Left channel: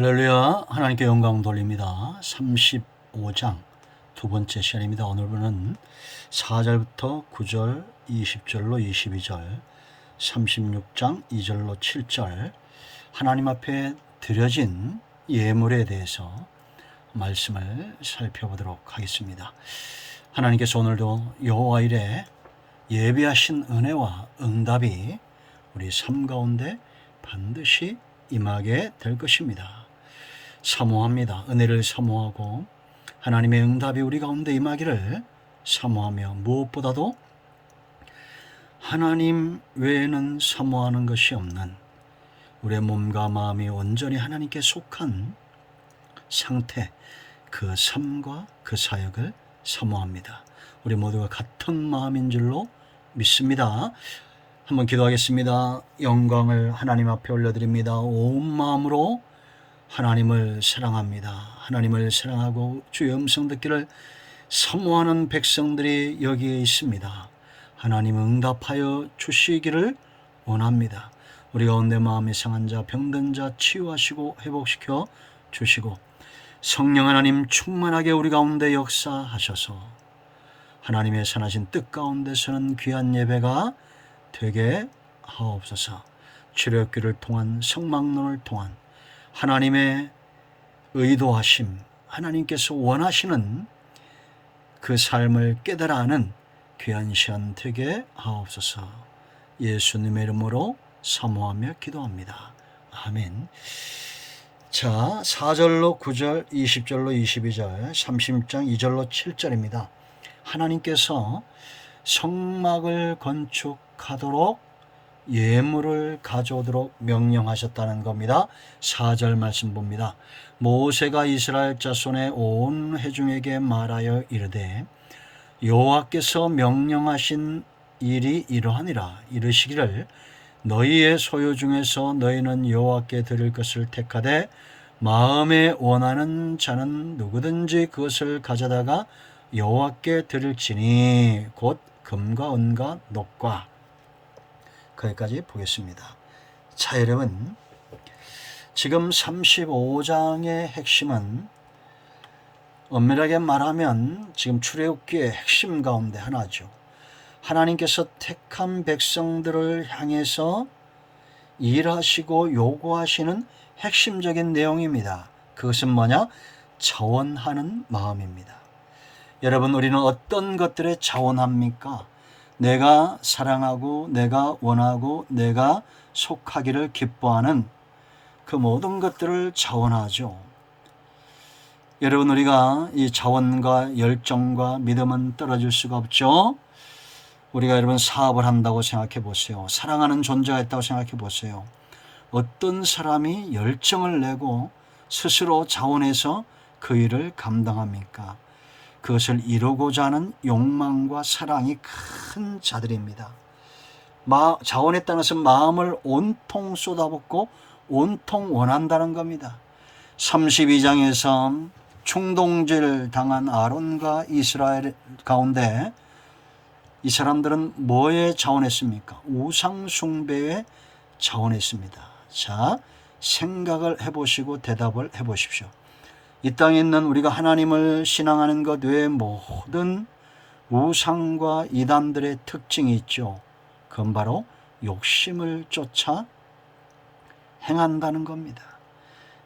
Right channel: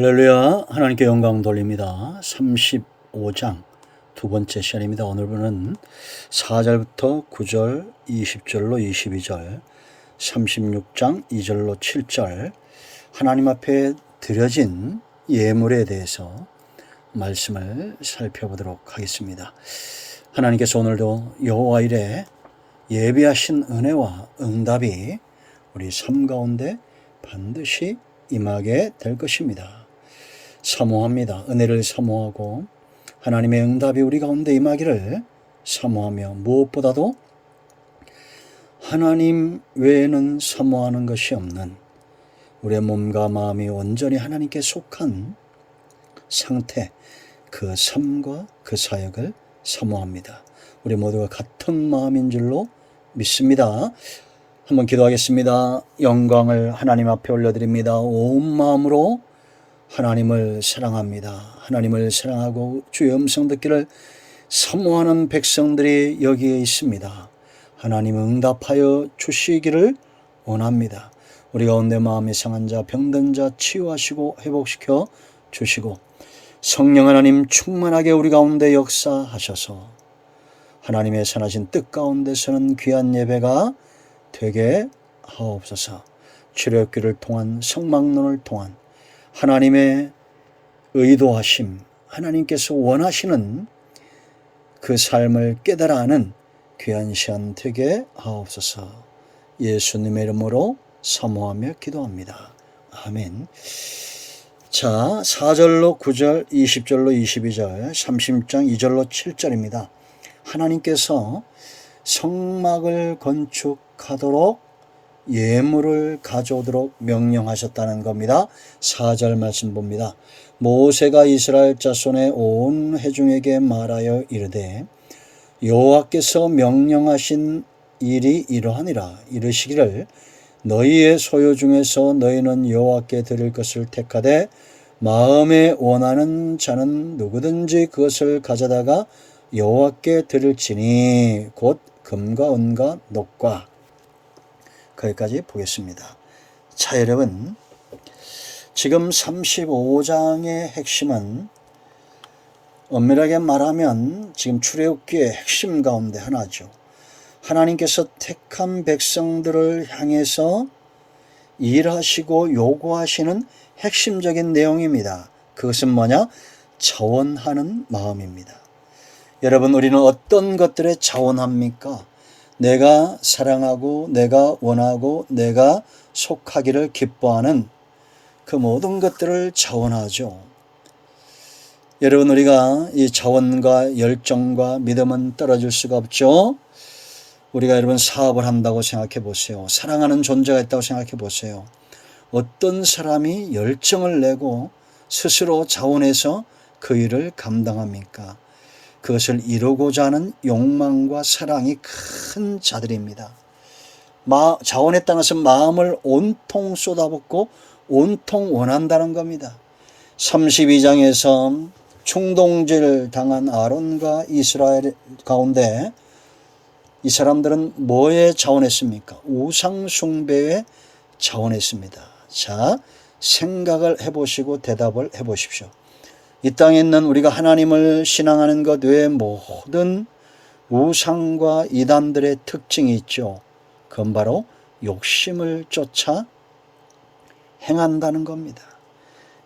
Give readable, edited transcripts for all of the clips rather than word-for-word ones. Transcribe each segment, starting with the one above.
할렐루야. 하나님께 영광 돌립니다. 35장 두 번째 시간입니다. 오늘은 4절부터 9절, 20절로 22절, 36장 2절로 7절 하나님 앞에 드려진 예물에 대해서 말씀을 살펴보도록 하겠습니다. 하나님께서 오늘도 여호와 일에 예비하신 은혜와 응답이 우리 삶 가운데 반드시 임하게 될 것입니다. 사모합니다. 은혜를 사모하고 하나님의 응답이 우리 가운데 임하기를 사모하며 무엇보다도 하나님 외에는 사모하는 것이 없는 우리의 몸과 마음이 온전히 하나님께 속한 상태, 그 삶과 그 사역을 사모합니다. 우리 모두가 같은 마음인 줄로 믿습니다. 한번 기도하겠습니다. 영광을 하나님 앞에 올려드립니다. 온 마음으로 하나님을 사랑합니다. 하나님을 사랑하고 주의 음성 듣기를 사모하는 백성들이 여기에 있습니다. 하나님 응답하여 주시기를 원합니다. 우리 가운데 마음이 상한 자, 병든 자 치유하시고 회복시켜 주시고 성령 하나님 충만하게 우리 가운데 역사하셔서 하나님의 선하신 뜻 가운데서는 귀한 예배가 되게 하옵소서. 출애굽기를 통한 성막론을 통한 하나님의 의도하심, 하나님께서 원하시는 그 삶을 깨달아 아는 귀한 시간 되게 하옵소서. 예수님의 이름으로 사모하며 기도합니다. 아멘. 자, 4절로 9절, 20절로 22절, 30장 2절로 7절입니다. 하나님께서 성막을 건축하도록 예물을 가져오도록 명령하셨다는 겁니다. 4절 말씀 봅니다. 모세가 이스라엘 자손의 온 회중에게 말하여 이르되 여호와께서 명령하신 일이 이러하니라. 이르시기를 너희의 소유 중에서 너희는 여호와께 드릴 것을 택하되 마음에 원하는 자는 누구든지 그것을 가져다가 여호와께 드릴지니 곧 금과 은과 녹과. 거기까지 보겠습니다. 자, 여러분, 지금 35장의 핵심은 엄밀하게 말하면 지금 출애굽기의 핵심 가운데 하나죠. 하나님께서 택한 백성들을 향해서 일하시고 요구하시는 핵심적인 내용입니다. 그것은 뭐냐? 자원하는 마음입니다. 여러분, 우리는 어떤 것들에 자원합니까? 내가 사랑하고 내가 원하고 내가 속하기를 기뻐하는 그 모든 것들을 자원하죠. 여러분, 우리가 이 자원과 열정과 믿음은 떨어질 수가 없죠. 우리가 여러분 사업을 한다고 생각해 보세요. 사랑하는 존재가 있다고 생각해 보세요. 어떤 사람이 열정을 내고 스스로 자원해서 그 일을 감당합니까? 그것을 이루고자 하는 욕망과 사랑이 큰 자들입니다. 자원했다는 것은 마음을 온통 쏟아붓고 온통 원한다는 겁니다. 32장에서 충동질 당한 아론과 이스라엘 가운데 이 사람들은 뭐에 자원했습니까? 우상 숭배에 자원했습니다. 자, 생각을 해보시고 대답을 해보십시오. 이 땅에 있는 우리가 하나님을 신앙하는 것 외에 모든 우상과 이단들의 특징이 있죠. 그건 바로 욕심을 쫓아 행한다는 겁니다.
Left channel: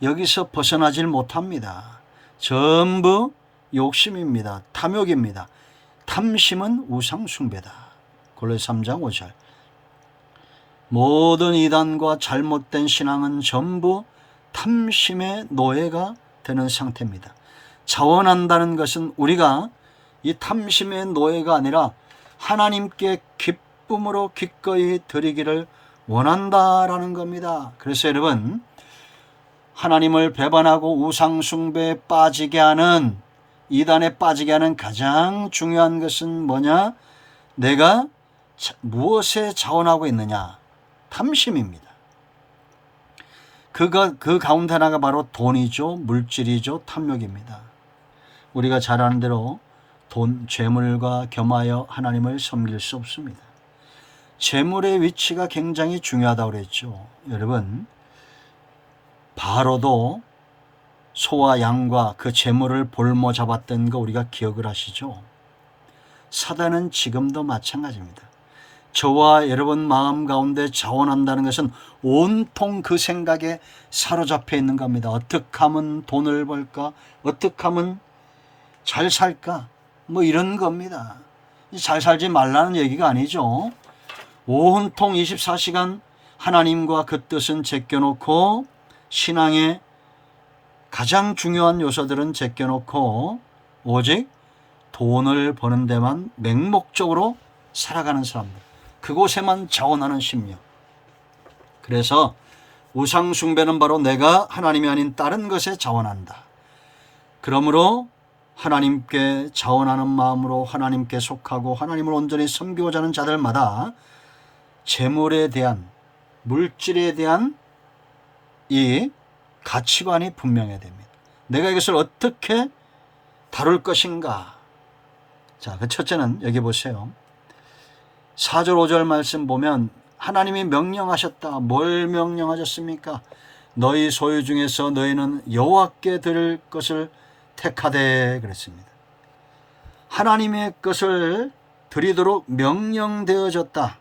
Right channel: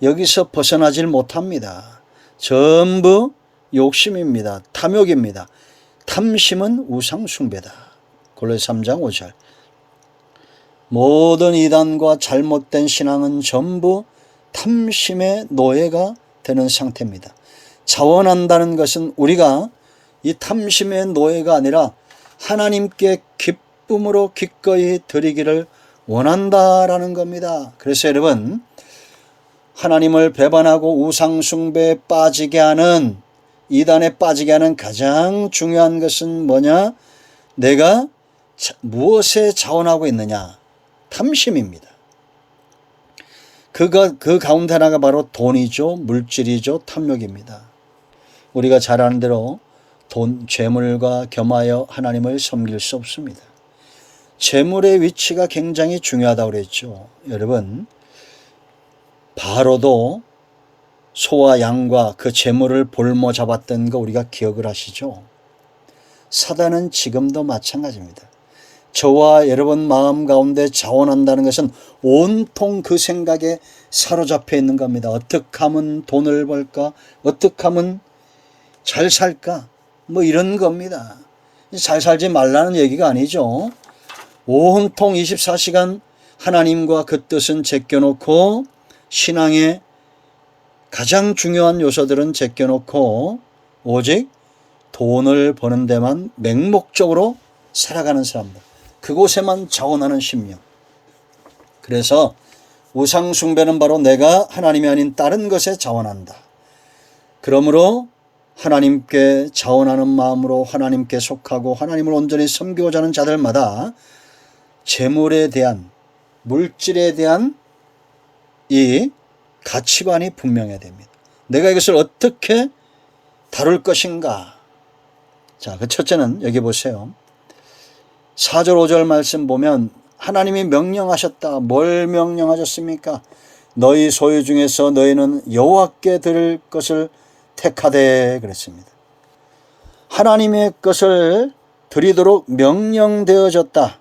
여기서 벗어나질 못합니다. 전부 욕심입니다. 탐욕입니다. 탐심은 우상 숭배다. 골로새 3장 5절. 모든 이단과 잘못된 신앙은 전부 탐심의 노예가 되는 상태입니다. 자원한다는 것은 우리가 이 탐심의 노예가 아니라 하나님께 기쁨으로 기꺼이 드리기를 원한다라는 겁니다. 그래서 여러분, 하나님을 배반하고 우상 숭배에 빠지게 하는, 이단에 빠지게 하는 가장 중요한 것은 뭐냐? 내가 무엇에 자원하고 있느냐? 탐심입니다. 그 가운데 하나가 바로 돈이죠. 물질이죠. 탐욕입니다. 우리가 잘 아는 대로 재물과 겸하여 하나님을 섬길 수 없습니다. 재물의 위치가 굉장히 중요하다고 그랬죠. 여러분, 바로도 소와 양과 그 재물을 볼모 잡았던 거 우리가 기억을 하시죠? 사단은 지금도 마찬가지입니다. 저와 여러분 마음 가운데 자원한다는 것은 온통 그 생각에 사로잡혀 있는 겁니다. 어떻게 하면 돈을 벌까? 어떻게 하면 잘 살까? 뭐 이런 겁니다. 잘 살지 말라는 얘기가 아니죠. 온통 24시간 하나님과 그 뜻은 제껴놓고 신앙의 가장 중요한 요소들은 제껴놓고 오직 돈을 버는 데만 맹목적으로 살아가는 사람들, 그곳에만 자원하는 심령. 그래서 우상 숭배는 바로 내가 하나님이 아닌 다른 것에 자원한다. 그러므로 하나님께 자원하는 마음으로 하나님께 속하고 하나님을 온전히 섬기고자 하는 자들마다 재물에 대한, 물질에 대한 이 가치관이 분명해야 됩니다. 내가 이것을 어떻게 다룰 것인가. 자, 그 첫째는 여기 보세요. 4절 5절 말씀 보면 하나님이 명령하셨다. 뭘 명령하셨습니까? 너희 소유 중에서 너희는 여호와께 드릴 것을 택하되 그랬습니다. 하나님의 것을 드리도록 명령되어졌다.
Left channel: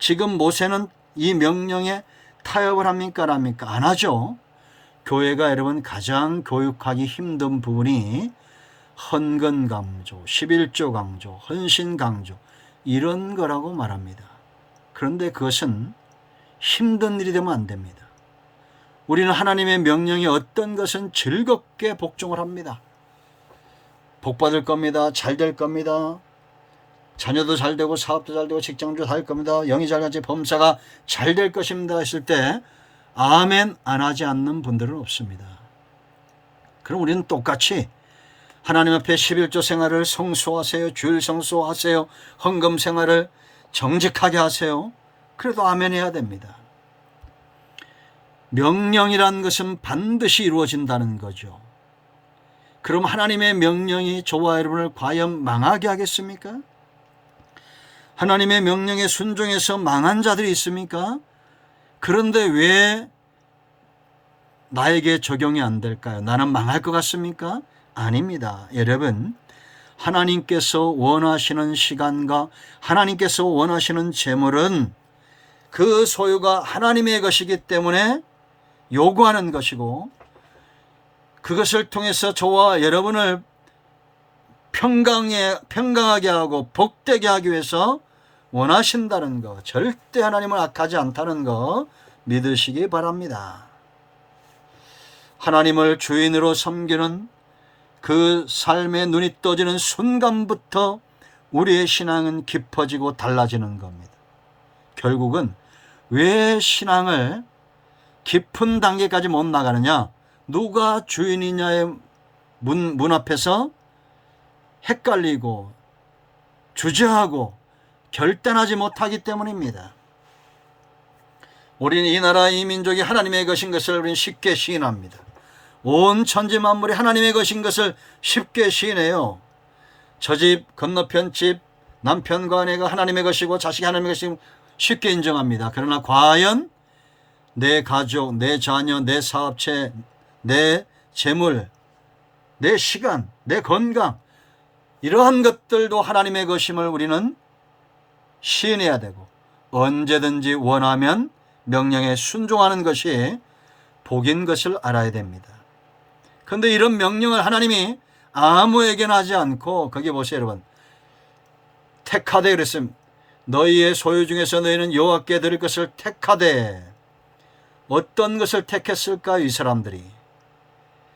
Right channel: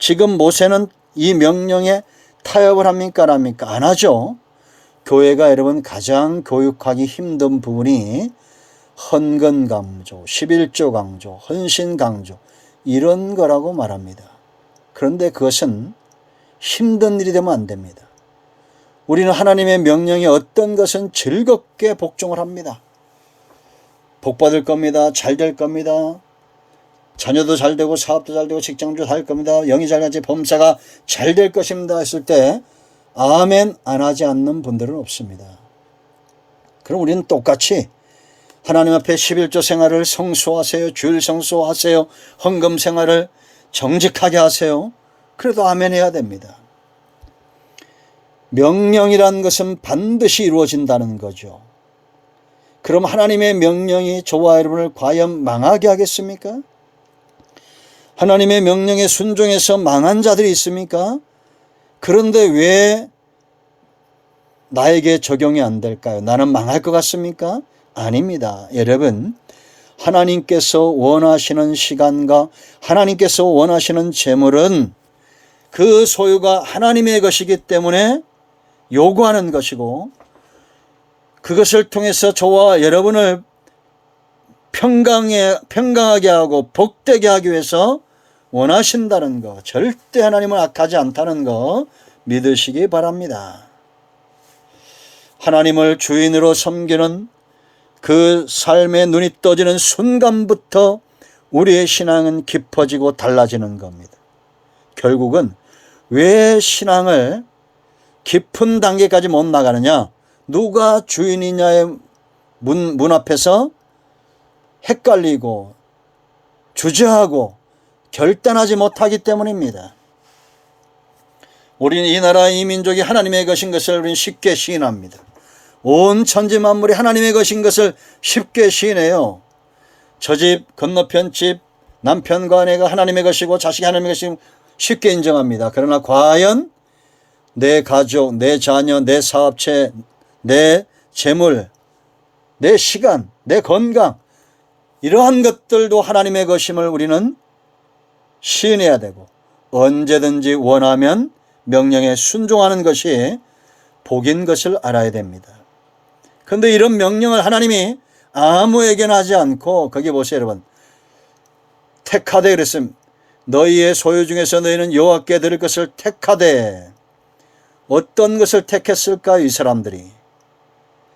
지금 모세는 이 명령에 타협을 합니까? 안 합니까? 안 하죠. 교회가 여러분 가장 교육하기 힘든 부분이 헌금 강조, 11조 강조, 헌신 강조 이런 거라고 말합니다. 그런데 그것은 힘든 일이 되면 안 됩니다. 우리는 하나님의 명령에 어떤 것은 즐겁게 복종을 합니다. 복 받을 겁니다. 잘 될 겁니다. 자녀도 잘 되고 사업도 잘 되고 직장도 잘 겁니다. 영이 잘 가지 범사가 잘 될 것입니다 했을 때 아멘 안 하지 않는 분들은 없습니다. 그럼 우리는 똑같이 하나님 앞에 11조 생활을 성수하세요. 주일 성수하세요. 헌금 생활을 정직하게 하세요. 그래도 아멘 해야 됩니다. 명령이란 것은 반드시 이루어진다는 거죠. 그럼 하나님의 명령이 저와 여러분을 과연 망하게 하겠습니까? 하나님의 명령에 순종해서 망한 자들이 있습니까? 그런데 왜 나에게 적용이 안 될까요? 나는 망할 것 같습니까? 아닙니다. 여러분, 하나님께서 원하시는 시간과 하나님께서 원하시는 재물은 그 소유가 하나님의 것이기 때문에 요구하는 것이고, 그것을 통해서 저와 여러분을 평강하게 하고 복되게 하기 위해서 원하신다는 것, 절대 하나님을 악하지 않다는 것 믿으시기 바랍니다. 하나님을 주인으로 섬기는 그 삶의 눈이 떠지는 순간부터 우리의 신앙은 깊어지고 달라지는 겁니다. 결국은 왜 신앙을 깊은 단계까지 못 나가느냐? 누가 주인이냐의 문 앞에서 헷갈리고 주저하고 결단하지 못하기 때문입니다. 우리는 이 나라 이 민족이 하나님의 것인 것을 우리는 쉽게 시인합니다. 온 천지 만물이 하나님의 것인 것을 쉽게 시인해요. 저 집 건너편 집 남편과 아내가 하나님의 것이고 자식이 하나님의 것이고 쉽게 인정합니다. 그러나 과연 내 가족, 내 자녀, 내 사업체, 내 재물, 내 시간, 내 건강 이러한 것들도 하나님의 것임을 우리는 시인해야 되고 언제든지 원하면 명령에 순종하는 것이 복인 것을 알아야 됩니다. 그런데 이런 명령을 하나님이 아무에게나 하지 않고 거기 보세요 여러분. 택하되 그랬습니다. 너희의 소유 중에서 너희는 여호와께 드릴 것을 택하되. 어떤 것을 택했을까요? 이 사람들이.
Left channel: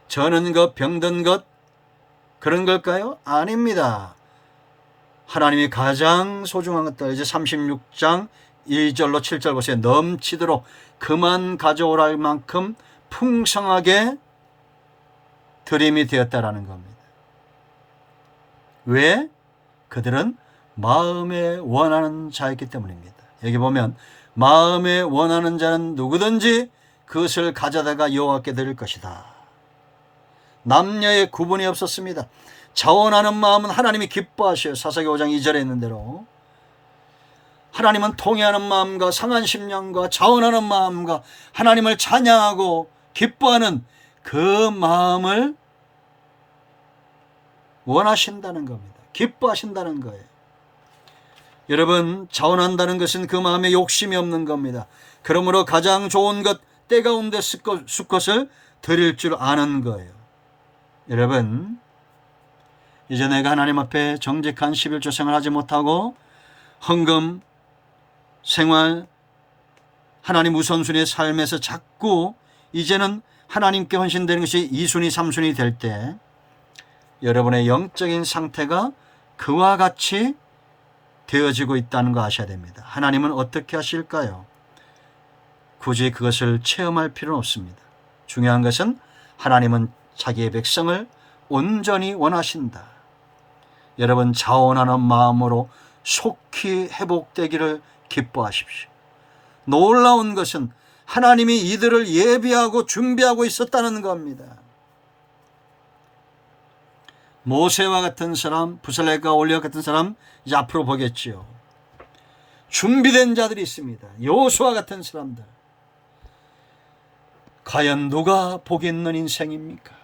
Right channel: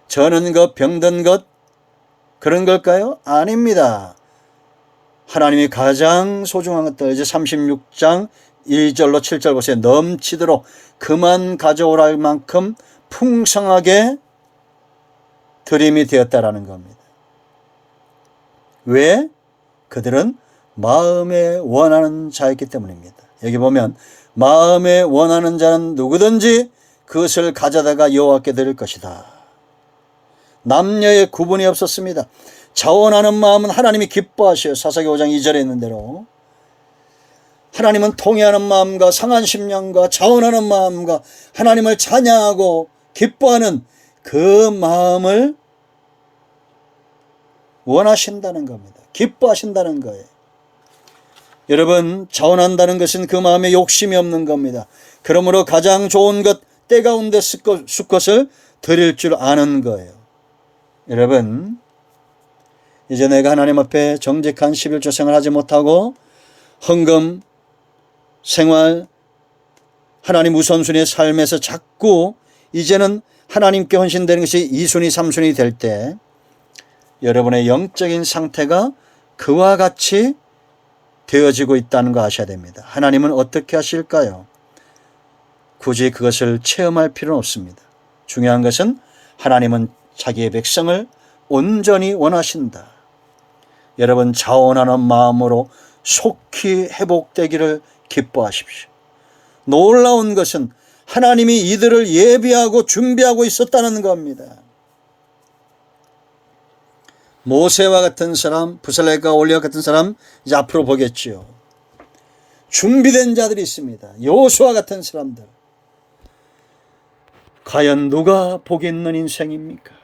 저는 것, 병든 것 그런 걸까요? 아닙니다. 하나님이 가장 소중한 것들 이제 36장 1절로 7절 보세요. 넘치도록 그만 가져오라 할 만큼 풍성하게 드림이 되었다라는 겁니다. 왜? 그들은 마음에 원하는 자였기 때문입니다. 여기 보면 마음에 원하는 자는 누구든지 그것을 가져다가 여호와께 드릴 것이다. 남녀의 구분이 없었습니다. 자원하는 마음은 하나님이 기뻐하셔요. 사사기 5장 2절에 있는 대로. 하나님은 통회하는 마음과 상한 심령과 자원하는 마음과 하나님을 찬양하고 기뻐하는 그 마음을 원하신다는 겁니다. 기뻐하신다는 거예요. 여러분, 자원한다는 것은 그 마음에 욕심이 없는 겁니다. 그러므로 가장 좋은 것, 때 가운데 수컷을 드릴 줄 아는 거예요. 여러분, 이제 내가 하나님 앞에 정직한 11조 생활하지 못하고 헌금 생활, 하나님 우선순위의 삶에서 자꾸 이제는 하나님께 헌신되는 것이 2순위, 3순위 될 때 여러분의 영적인 상태가 그와 같이 되어지고 있다는 거 아셔야 됩니다. 하나님은 어떻게 하실까요? 굳이 그것을 체험할 필요는 없습니다. 중요한 것은 하나님은 자기의 백성을 온전히 원하신다. 여러분, 자원하는 마음으로 속히 회복되기를 기뻐하십시오. 놀라운 것은 하나님이 이들을 예비하고 준비하고 있었다는 겁니다. 모세와 같은 사람, 부살렐과 올리와 같은 사람 이제 앞으로 보겠지요. 준비된 자들이 있습니다. 여호수아 같은 사람들. 과연 누가 복이 있는 인생입니까?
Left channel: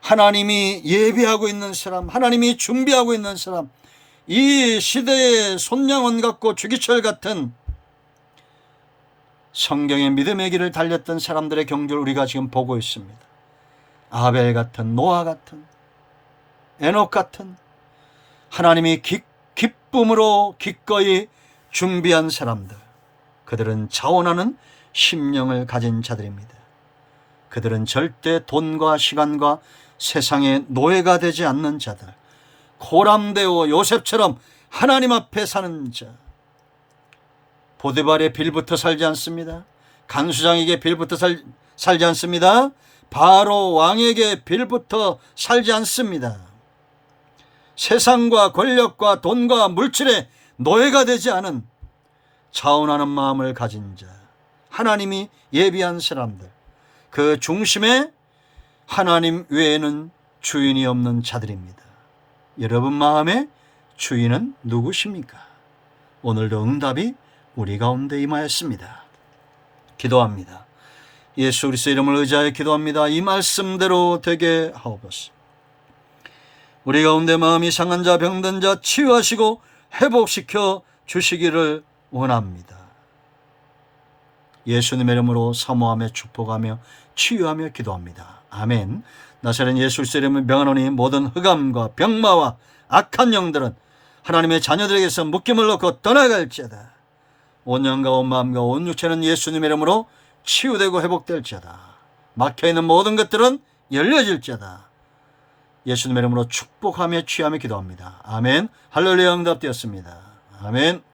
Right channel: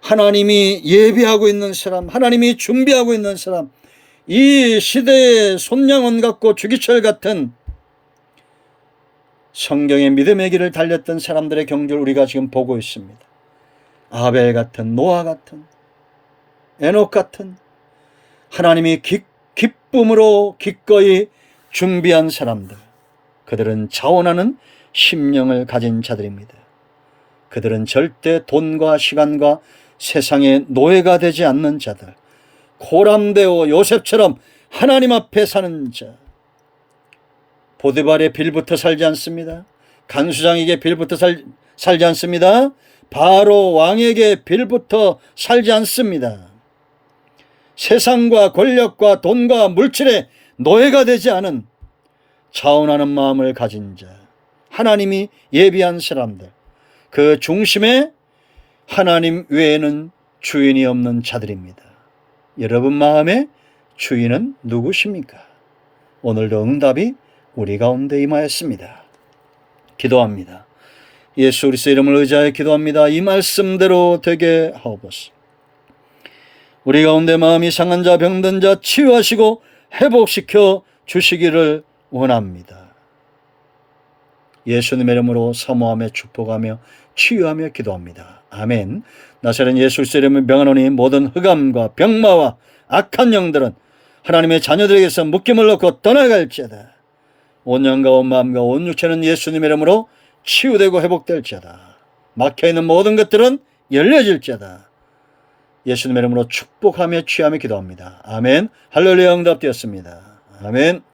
하나님이 예비하고 있는 사람, 하나님이 준비하고 있는 사람, 이 시대의 손양원 같고 주기철 같은 성경의 믿음의 길을 달렸던 사람들의 경주를 우리가 지금 보고 있습니다. 아벨 같은, 노아 같은, 에녹 같은 하나님이 기쁨으로 기꺼이 준비한 사람들, 그들은 자원하는 심령을 가진 자들입니다. 그들은 절대 돈과 시간과 세상의 노예가 되지 않는 자들, 고람되어 요셉처럼 하나님 앞에 사는 자. 보디발의 빌부터 살지 않습니다. 간수장에게 빌부터 살지 않습니다. 바로 왕에게 빌부터 살지 않습니다. 세상과 권력과 돈과 물질의 노예가 되지 않은 자원하는 마음을 가진 자, 하나님이 예비한 사람들, 그 중심에 하나님 외에는 주인이 없는 자들입니다. 여러분 마음의 주인은 누구십니까? 오늘도 응답이 우리 가운데 임하였습니다. 기도합니다. 예수 그리스도의 이름을 의지하여 기도합니다. 이 말씀대로 되게 하옵소서. 우리 가운데 마음이 상한 자, 병든 자 치유하시고 회복시켜 주시기를 원합니다. 예수님의 이름으로 사모하며 축복하며 치유하며 기도합니다. 아멘. 나사렛 예수 그리스도의 이름을 명하노니 모든 흑암과 병마와 악한 영들은 하나님의 자녀들에게서 묶임을 놓고 떠나갈지어다. 온 영과 온 마음과 온 육체는 예수님의 이름으로 치유되고 회복될지어다. 막혀있는 모든 것들은 열려질지어다. 예수님의 이름으로 축복하며 취하며 기도합니다. 아멘. 할렐루야. 응답되었습니다. 아멘.